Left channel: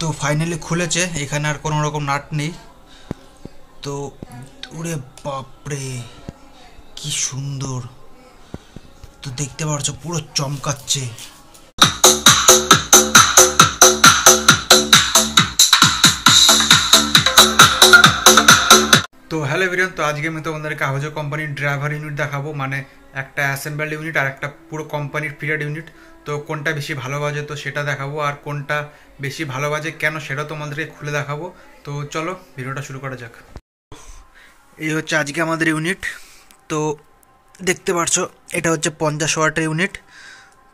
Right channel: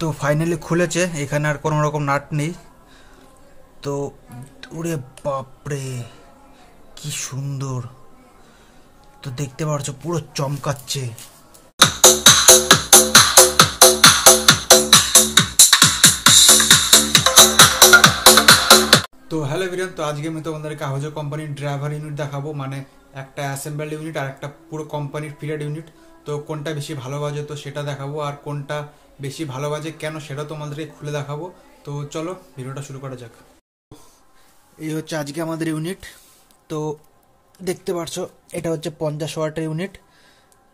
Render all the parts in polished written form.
তো ফাইনালি খুলেছে, এখানে আর কোনো রকম নাট নেই। তো ওরে বাপরে কি সুন্দর, তো দেখতে পাচ্ছ পুরো চমকাচ্ছে। তো হ্যালো এভরিওয়ান, তো আজকে আমি তোমাদেরকে আহুজা কোম্পানির ড্রাইভার ইউনিট দেখাবো, মানে একটা অ্যাসেম্বলড ইউনিট আর একটা পুরো কোম্পানির ফিটেড ইউনিট। তো কোনটা বেশি ভালো বাজে তো সেটা দেখাবো, আর কোনটা বেশি ভালো বাজে কেন সেটা তোমাদেরকে খুলে দেখাবো। তো চলো ভিডিওটা শুরু করা যাক। এই হচ্ছে আজকে আমাদের ইউনিট। তো দেখতে পাচ্ছ এটা হচ্ছে 50 ওয়াটের ইউনিট।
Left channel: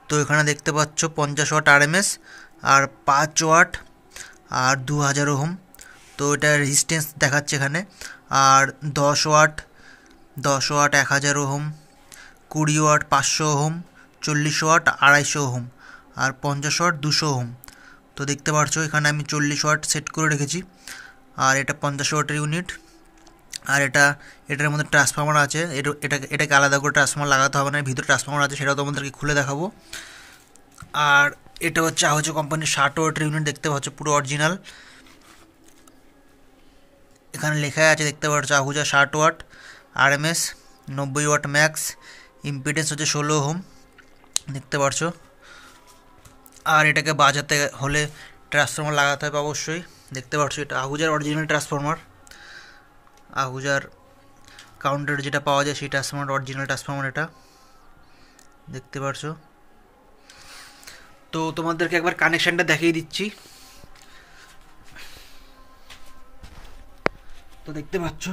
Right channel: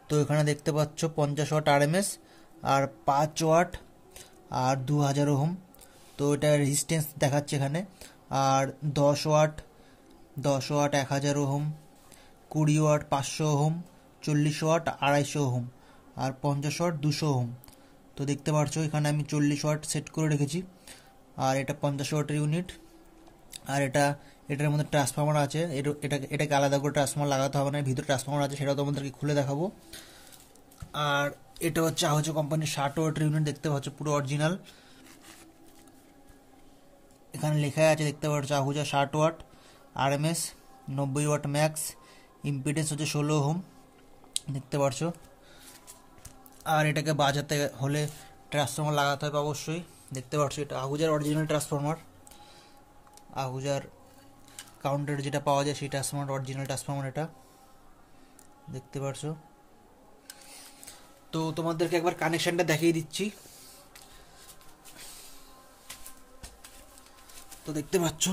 তো এখানে দেখতে পাচ্ছ 50 ওয়াট আরএমএস আর 5 ওয়াট আর 2000 ওহম। তো এটা রেজিস্ট্যান্স দেখাচ্ছে এখানে। আর 10 watt 1000 ohm, 20 watt 500 ohm, 40 watt 250 ohm আর 50 ওয়াট 200 ওহম। তো দেখতে পাচ্ছ এখানে আমি 40 ওয়াট সেট করে রেখেছি। আর এটা 50 ওয়াটের ইউনিট। আর এটার মধ্যে ট্রান্সফর্মার আছে, এটাকে আলাদা করে ট্রান্সফর্মার লাগাতে হবে না, ভিতরে ট্রান্সফর্মার আছে, সেটাও তোমাদেরকে খুলে দেখাবো। আর এটা হচ্ছে আহুজা কোম্পানির 60 ওয়াটের ইউনিট, দেখতে পাচ্ছ পুরো অরিজিনাল। এখানে লেখা আছে দেখতে পাচ্ছ Ahuja 60 watt RMS, 90 watt max, impedance হচ্ছে 16 ওহম, দেখতে পাচ্ছ। আর এটাকে বাজাতে হলে ট্রান্সফর্মার লাগাতে হবে অবশ্যই, দেখতে পাচ্ছ এটা আহুজার অরিজিনাল ট্রান্সফর্মার। আহুজার কাউন্টার যেটা পাওয়া যায় সেই ট্রান্সফর্মার, অরিজিনাল ট্রান্সফর্মার এটা, দেখতে পাচ্ছ। তো তোমাদেরকে একবার কানেকশানটা দেখিয়ে দিচ্ছি। তো দেখতে পাচ্ছ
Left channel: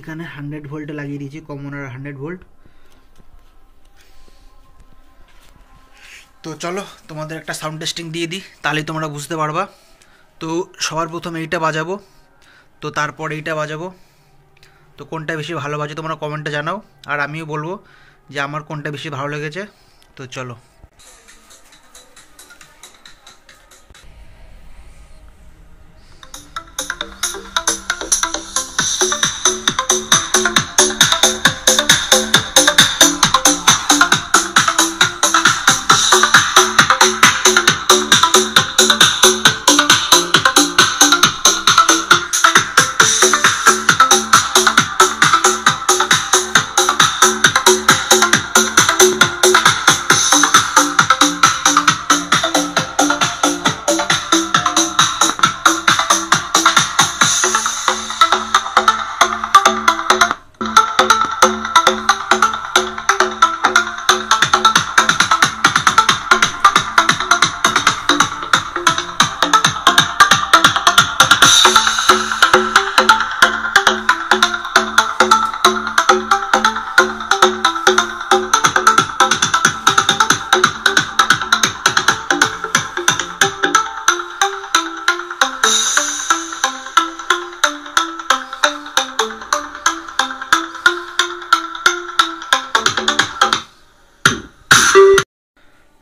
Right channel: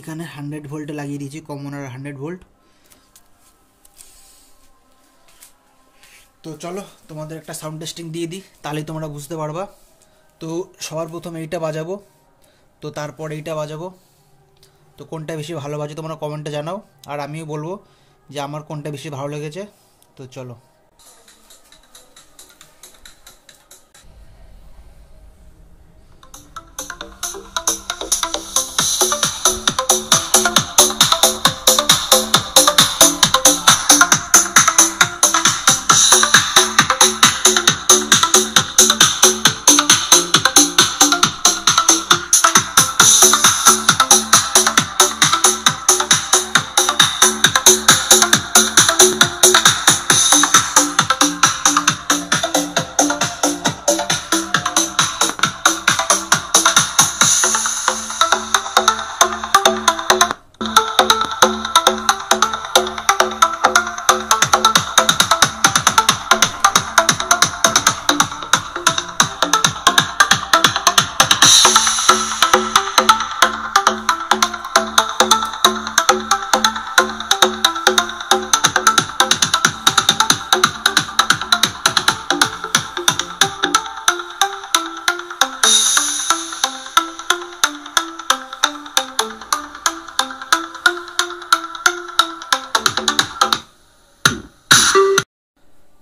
এখানে 100 ভোল্টে লাগিয়ে দিয়েছি, কমন আর 100 ভোল্ট। তো চলো তোমাদের একটা সাউন্ড টেস্টিং দিয়ে দিই, তাহলেই তোমরা বুঝতে পারবা। তো সবার প্রথমে এইটা বাজাবো, তো তারপর এইটা বাজাবো। তো কোনটা বেশি ভালো বাজে তোমরা কমেন্টে জানাও, আর আমিও বলবো যে আমার কোনটা বেশি ভালো লেগেছে। তো চলো।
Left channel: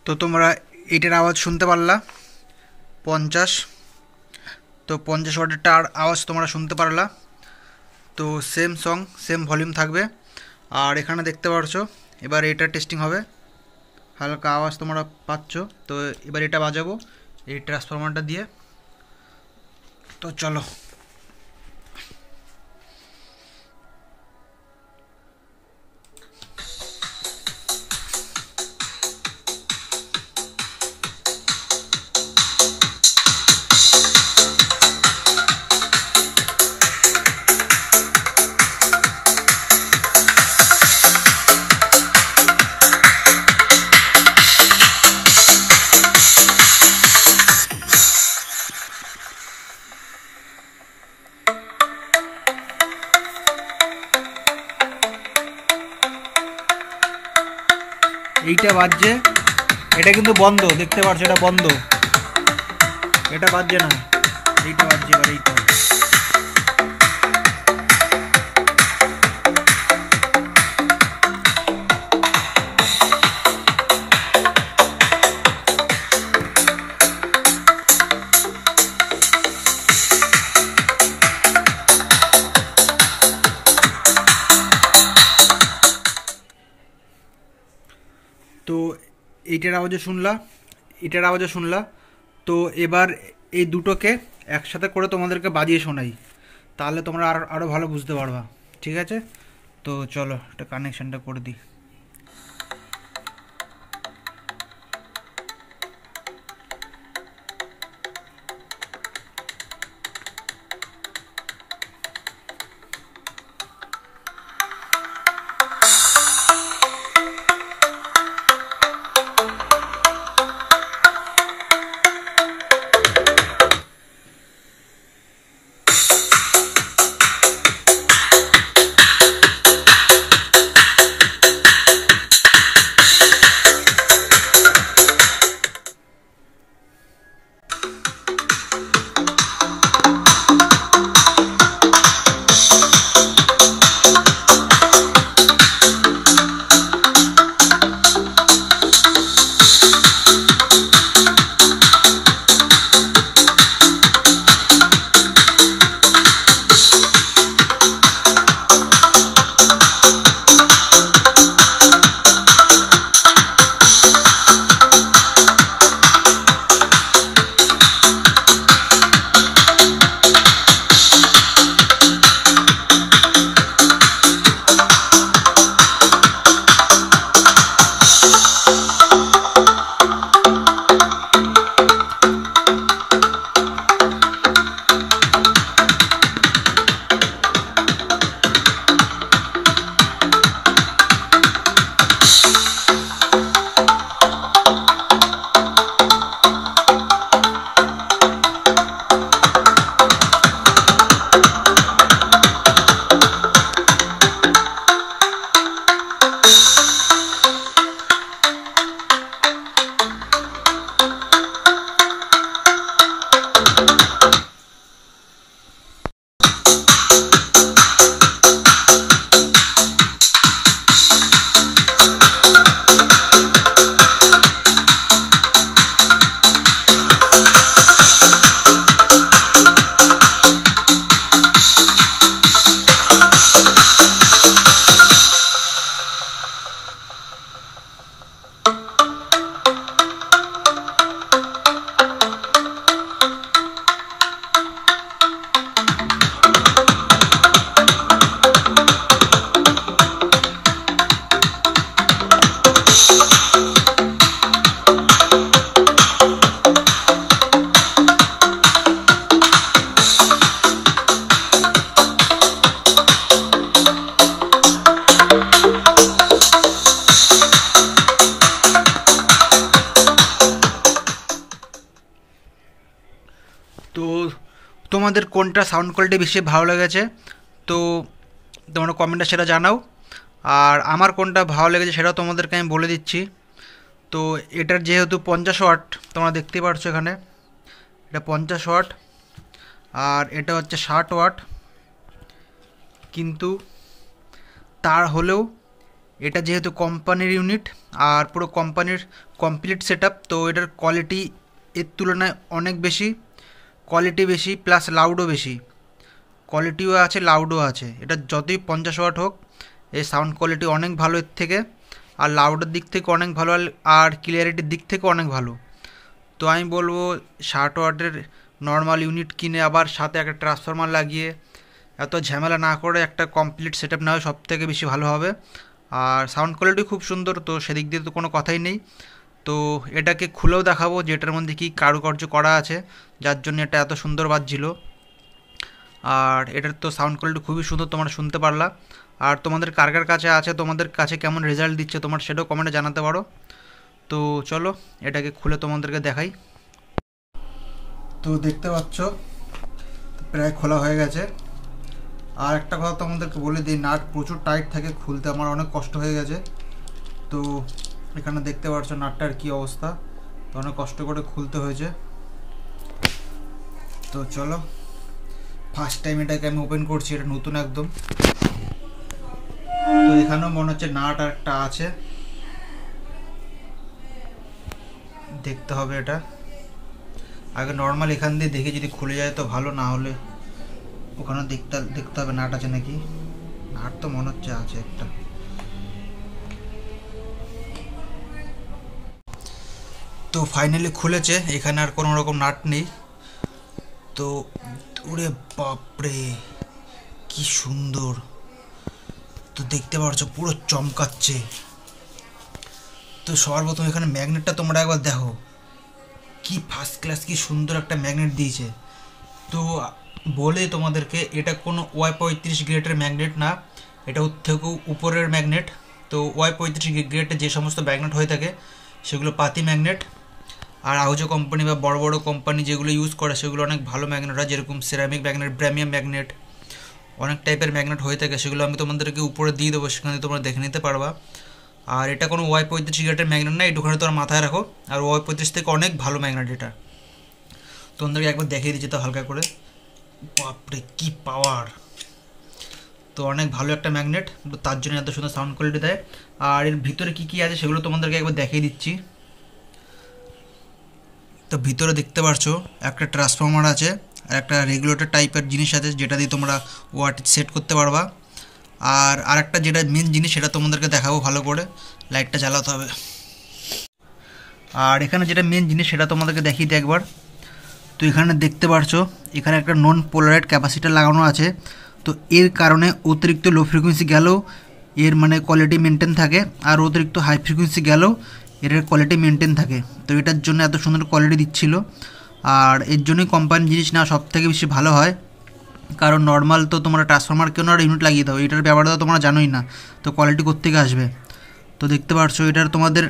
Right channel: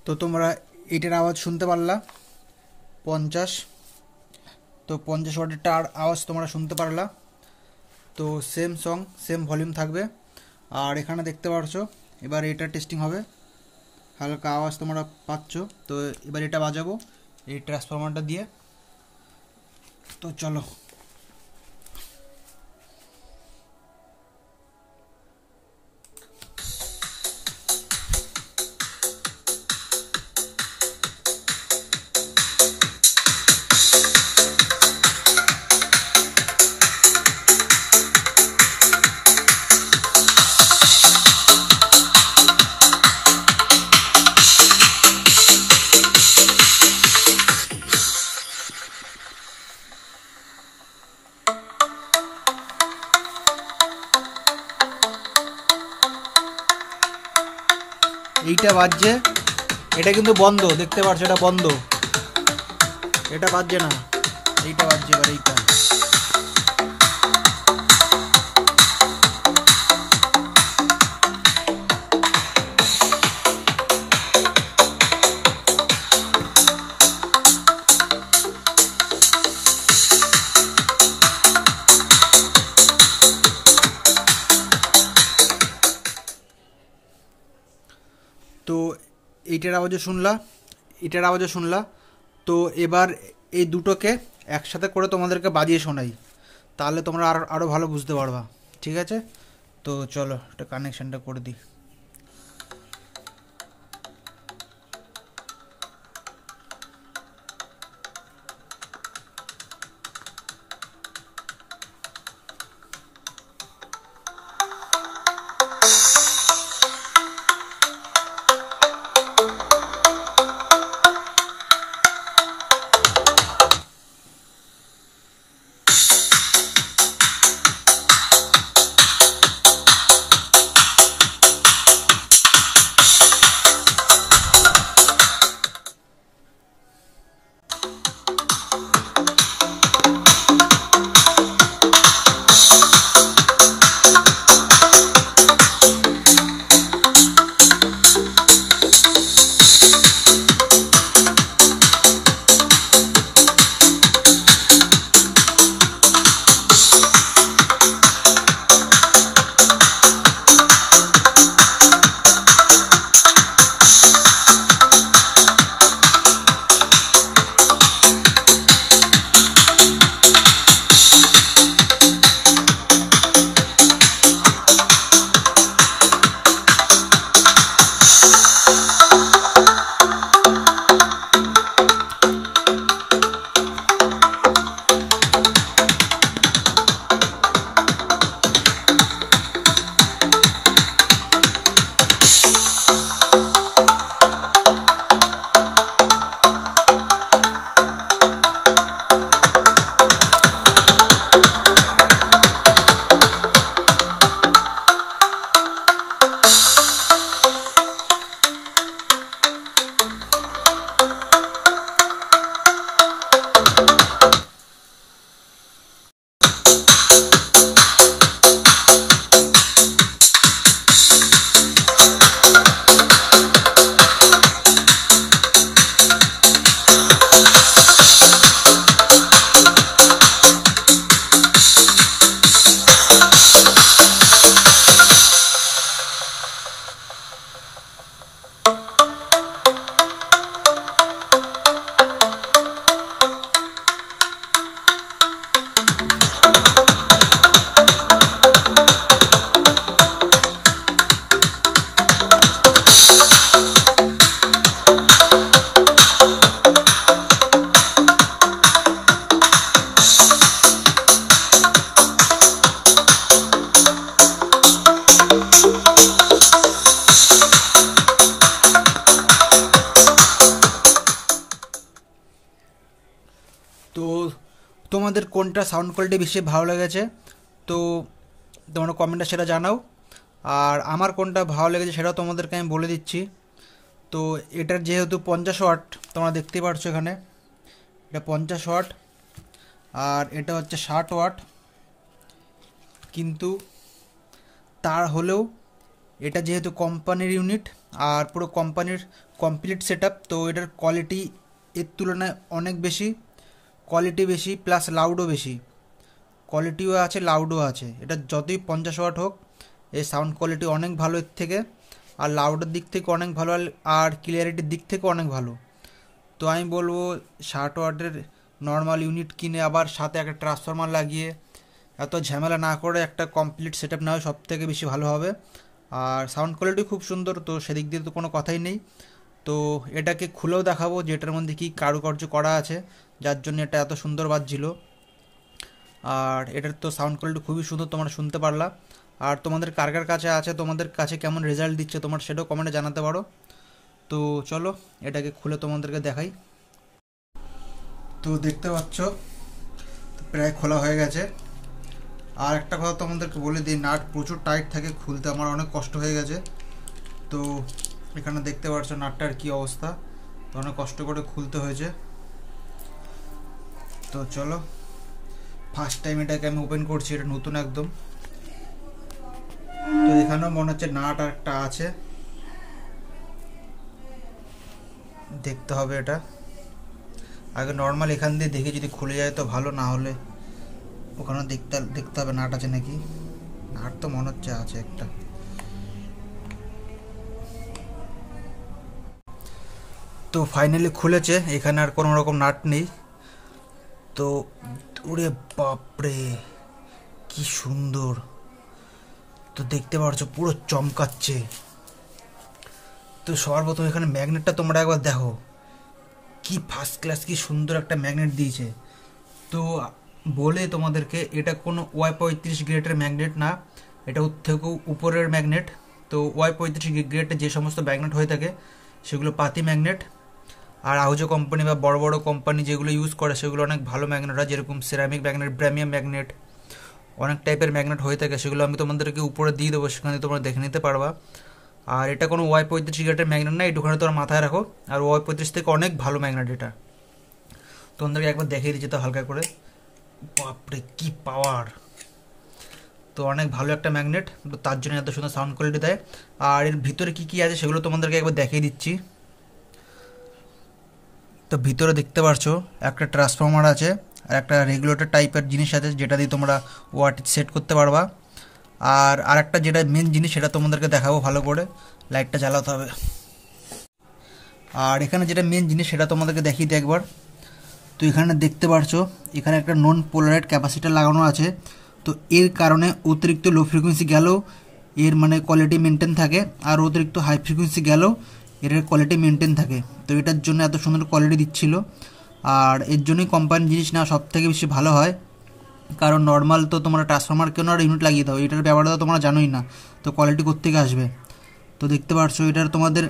তো তোমরা এইটার আওয়াজ শুনতে পারলা 50। তো 50 ওয়াটেরটার আওয়াজ তোমরা শুনতে পারলা। তো সেম সং সেম ভলিউম থাকবে। আর এখানে দেখতে পাচ্ছ এবার এটা টেস্টিং হবে, হালকা আওয়াজ তোমরা পাচ্ছ। তো এবার এটা বাজাবো এই ট্রান্সফরমারটা দিয়ে। তো চলো। এইটা বাজছে, এটা কিন্তু বন্ধ, দেখতে পাচ্ছ এটা বন্ধ, এটা বাজছে না, এইটা বাজছে। এবার এইটা তো এইটার আওয়াজও শুনলা, এটার আওয়াজও শুনলা। তো এবার এই দুটোকে একসাথে করে তোমাদেরকে বাজিয়ে শোনাই, তাহলে তোমরা আরও ভালো বুঝতে পারবা। ঠিক আছে, তো চলো একটা কানেকশানটা করে দিই। তো তোমাদের কোনটা সাউন্ড কোয়ালিটি বেশি ভালো লেগেছে তো তোমরা কমেন্টে সেটা জানাও, আর আমার কোনটা ভালো লেগেছে সেটাও তোমাদেরকে আমি বলে দিচ্ছি। তো এটার যেহেতু 50 ওয়াট, তোমরা দেখতে পাচ্ছ এখানে এটা 50 ওয়াট, আর এটা হচ্ছে 60 ওয়াট, কিন্তু তার হলেও এটা যেহেতু কোম্পানির ইউনিট আর পুরো কোম্পানির কমপ্লিট সেটআপ, তো এটার কোয়ালিটি এর তুলনায় অনেক বেশি, কোয়ালিটি বেশি প্লাস লাউডও বেশি, কোয়ালিটিও আছে লাউডও আছে। এটা যতই 50 ওয়াট হোক এই সাউন্ড কোয়ালিটি অনেক ভালো এর থেকে, আর লাউডের দিক থেকে অনেক ভালো, আর ক্লিয়ারিটির দিক থেকে অনেক ভালো। তো আমি বলবো 60 ওয়াটের নর্মাল ইউনিট কিনে আবার সাথে একটা ট্রান্সফরমার লাগিয়ে এত ঝামেলা না করে একটা কমপ্লিট সেটআপ নেওয়া সব থেকে বেশি ভালো হবে। আর সাউন্ড কোয়ালিটি খুব সুন্দর, তো সেদিক দিয়ে তো কোনো কথাই নেই। তো এটাকে খুলেও দেখাবো যে এটার মধ্যে কী কারুকার্য করা আছে যার জন্য এটা এত সুন্দর বাজছিল। আর এটার তো সাউন্ড কোয়ালিটি খুবই সুন্দর, তোমরা শুনতে পারলা। আর তোমাদের কার কার কাছে আছে, তোমাদের কাছে কেমন রেজাল্ট দিচ্ছে তোমার সেটাও কমেন্টে জানাতে পারো। তো চলো এটাকে খুলে তোমাদেরকে দেখাই। তো দেখতে পাচ্ছ প্রায় খোলা হয়ে গেছে। আর একটা কথা তোমাদেরকে বলে দিই, নাট প্রচুর টাইট থাকে, খুলতে আমার অনেক কষ্ট হয়ে গেছে। তো এখানে দেখতে পাচ্ছ নাটটার কী অবস্থা, তো অনেক কষ্ট করে খুলতে হয়েছে। তো চলো ফার্স্ট টাইম এটাকে আমি ওপেন করছি, এটা নতুন একদম। তো এখানেও মনে হচ্ছে নাট আর একটা আছে, দেখতে হবে এটা আগে। নর্মাল এখান দিয়ে দেখে যদি খুলে যায় তো ভালো, না হলে ওখানে দেখতে হবে নাট আছে নাকি। নাট তো মনে হচ্ছে আছে একটা। তো ফাইনালি খুলেছে, এখানে আর কোনো রকম নাট নেই। তো ওরে বাপরে কি সুন্দর, তো দেখতে পাচ্ছ পুরো চমকাচ্ছে। তো সবার প্রথম এখানে ম্যাগনেটটা তোমরা একবার দেখো, কি ফার্স্ট ক্লাস, কি সুন্দর একটা ম্যাগনেট দিয়েছে। তো বলে তোমাদেরকে এটা কোনো Y35 গ্রেডের ম্যাগনেট না, এটা ওর থেকেও উপরের ম্যাগনেট। তো Y35 গ্রেডের যে সমস্ত ম্যাগনেট হয়ে থাকে সেগুলো পাতি ম্যাগনেট, আর আহুজো কোম্পানি বা বড় বড় কোম্পানি যেগুলো ইউজ করে সেগুলো অনেক ভালো ম্যাগনেট হয়, যেরকম সেরামিক ম্যাগনেট, ব্র্যামিয়াম ম্যাগনেট, অনেক টাইপের ম্যাগনেট হয়ে থাকে। সেগুলো আমি তোমাদেরকে উপরে দিয়ে দেবো, সেখানে তোমরা দেখে নিতে পারবা। আর এটা কোনো Y35 গ্রেডের ম্যাগনেট না, এইটুখানে তোমরা মাথায় রাখো। আর Y35 থেকে অনেক ভালো ম্যাগনেট এটা, তোমাদেরকে একবার দেখিয়ে দিচ্ছি তো হালকা করে। বাপরে কি পাওয়ার, তো অনেক ভালো একটা ম্যাগনেট, তার জন্য এত সুন্দর সাউন্ড কোয়ালিটি দেয়। আর এর ভিতরে কি কি আছে সেগুলো তোমাদেরকে একবার দেখিয়ে দিচ্ছি। তো ভিতরে দেখতে পারছো একটা ট্রান্সফর্মার আছে আর একটা রেগুলেটর টাইপের জিনিস আছে, যেটা দিয়ে তোমরা ওয়াট সেট করতে পারবা। আর আরেকটা যেটা মেন জিনিস সেটা তোমাদেরকে দেখাবো, ভালো করে লাইটটা জ্বালাতে হবে। আর এখানে যেটা মেন জিনিস সেটা তোমাদেরকে দেখিয়ে দিই একবার। তো এখানে দেখতে পারছো এখানে একটা নন পোলারাইড ক্যাপাসিটার লাগানো আছে। তো এর কারণে অতিরিক্ত লো ফ্রিকোয়েন্সি গেলেও এর মানে কোয়ালিটি মেনটেন থাকে, আর অতিরিক্ত হাই ফ্রিকোয়েন্সি গেলেও এর কোয়ালিটি মেনটেন থাকে। তো এটার জন্য এত সুন্দর কোয়ালিটি দিচ্ছিল, আর এর জন্যই কোম্পানির জিনিস না সব থেকে বেশি ভালো হয়। কারণ নর্মাল তো তোমরা ট্রান্সফর্মার কেন আর ইউনিট লাগিয়ে দাও, এটার ব্যাপারটা তো তোমরা জানোই না, তো কোয়ালিটি কোত্থেকে আসবে। তো দেখতে পাচ্ছ এটার তোমাদের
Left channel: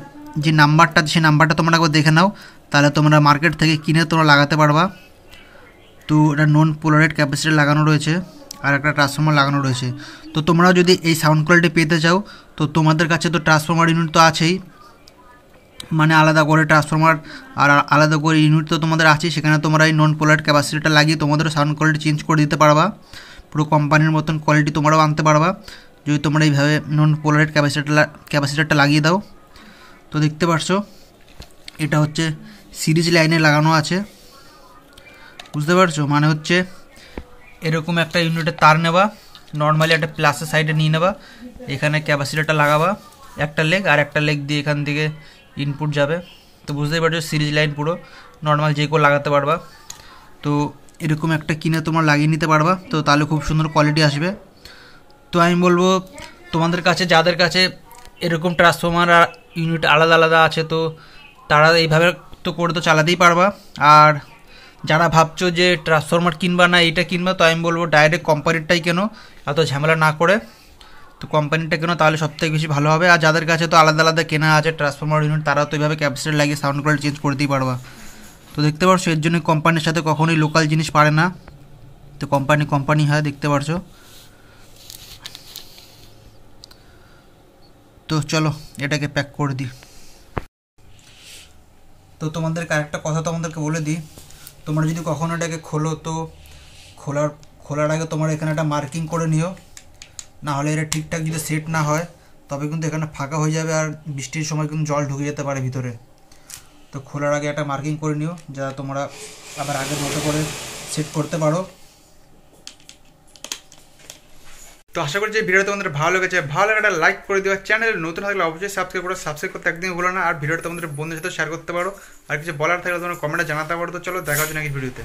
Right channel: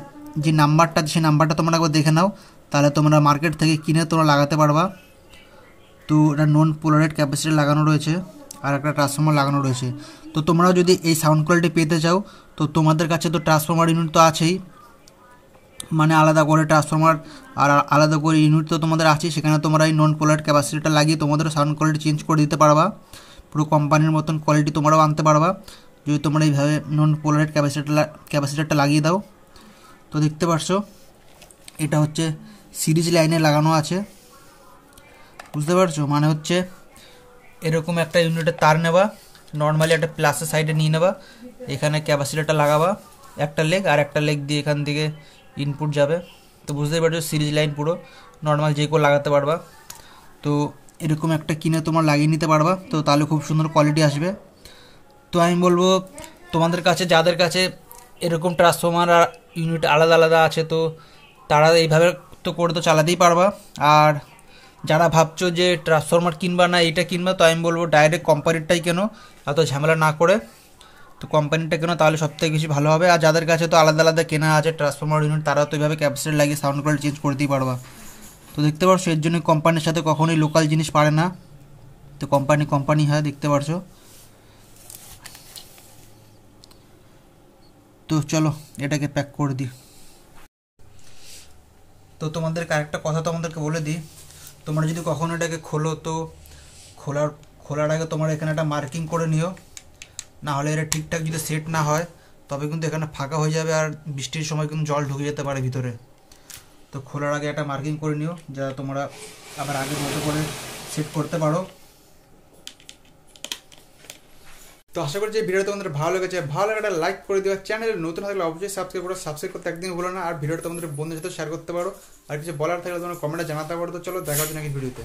যে নাম্বারটা, সেই নাম্বারটা তোমরা একবার দেখে নাও, তাহলে তোমরা মার্কেট থেকে কিনে তোমরা লাগাতে পারবা। তো এটা নন পোলারাইড ক্যাপাসিটার লাগানো রয়েছে আর একটা ট্রান্সফর্মার লাগানো রয়েছে। তো তোমরাও যদি এই সাউন্ড কোয়ালিটি পেতে চাও তো তোমাদের কাছে তো ট্রান্সফর্মার ইউনিট তো আছেই, মানে আলাদা করে ট্রান্সফর্মার আর আলাদা করে ইউনিট তো তোমাদের আছেই, সেখানে তোমরা এই নন পোলারাইড ক্যাপাসিটারটা লাগিয়ে তোমাদের সাউন্ড কোয়ালিটি চেঞ্জ করে দিতে পারবা, পুরো কোম্পানির মতন কোয়ালিটি তোমরাও আনতে পারবা যদি তোমরা এইভাবে নন পোলারাইড ক্যাপাসিটারটা লাগিয়ে দাও। তো দেখতে পারছো এটা হচ্ছে সিরিজ লাইনে লাগানো আছে, বুঝতে পারছো, মানে হচ্ছে এরকম একটা ইউনিটের তার নেবা, নর্মালি একটা প্লাসের সাইডে নিয়ে নেবা, এখানে ক্যাপাসিটারটা লাগাবা একটা লেগ, আর একটা লেগ দিয়ে এখান থেকে ইনপুট যাবে। তো বুঝতেই পারছো সিরিজ লাইন পুরো নর্মাল যে কেউ লাগাতে পারবা। তো এরকম একটা কিনে তোমরা লাগিয়ে নিতে পারবা, তো তাহলে খুব সুন্দর কোয়ালিটি আসবে। তো আমি বলবো তোমাদের কাছে যাদের কাছে এরকম ট্রান্সফর্মার আর ইউনিট আলাদা আলাদা আছে, তো তারা এইভাবে তো করে তো চালাতেই পারবা। আর যারা ভাবছো যে ট্রান্সফর্মার কিনবা না এইটা কিনবা, তো আমি বলবো ডাইরেক্ট কোম্পানিরটাই কেনো, এত ঝামেলা না করে। তো কোম্পানিটা কেনো, তাহলে সবথেকে বেশি ভালো হবে। আর যাদের কাছে তো আলাদা আলাদা কেনা আছে ট্রান্সফর্মার ইউনিট, তারা তো এইভাবে ক্যাপাসিটার লাগিয়ে সাউন্ড কোয়ালিটি চেঞ্জ করতেই পারবা। তো দেখতে পারছো এর জন্য কোম্পানির সাথে কখনোই লোকাল জিনিস পারে না, তো কোম্পানি হয়, দেখতে পারছো। তো চলো এটাকে প্যাক করে দিই। তো তোমাদেরকে আরেকটা কথা তোমাদেরকে বলে দিই, তোমরা যদি কখনো এটাকে খোলো, তো খোলার আগে তোমরা এখানে একটা মার্কিং করে নিও, না হলে এটা ঠিকঠাক যদি সেট না হয় তবে কিন্তু এখানে ফাঁকা হয়ে যাবে, আর বৃষ্টির সময় কিন্তু জল ঢুকে যেতে পারে ভিতরে। তো খোলার আগে একটা মার্কিং করে নিও, যা তোমরা আবার আগের মতো করে সেট করতে পারো। তো আশা করি যে ভিডিওটা তোমাদের ভালো লেগেছে, ভালো লাগে একটা লাইক করে দিও, চ্যানেল নতুন থাকলে অবশ্যই সাবস্ক্রাইব করতে একদিন ভুলো না। আর ভিডিওটা তোমাদের বন্ধুদের সাথে শেয়ার করতে পারো, আর কিছু বলার থাকলে তোমরা কমেন্টে জানাতে পারো। তো চলো দেখা হচ্ছে নাকি ভিডিওতে।